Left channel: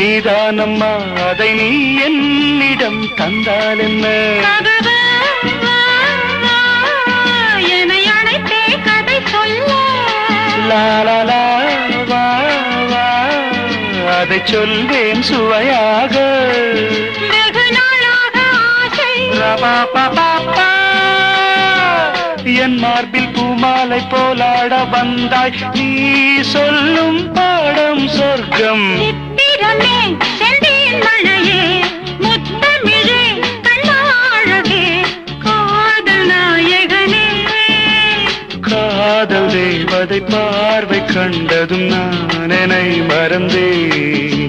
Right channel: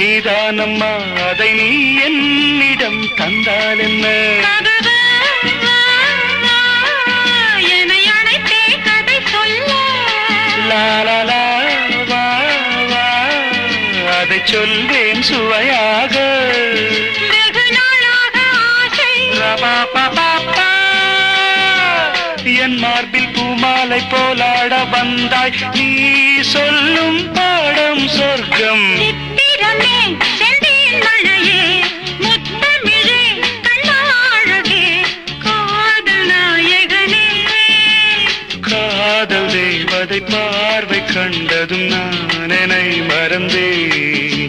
நீதானம்மா அதை நீ என்னிடம் தந்தால் என்ன லாலா வா வா அதை சொல்வேன் சுவையாக என் மார்பில் பூமாலை போலாட வந்தாய் நீ சொல்லும் பாடம் சொர்க்கம் காதல் தேவதை பார்வை கண்டதும் நான் என்னை மறந்தேன்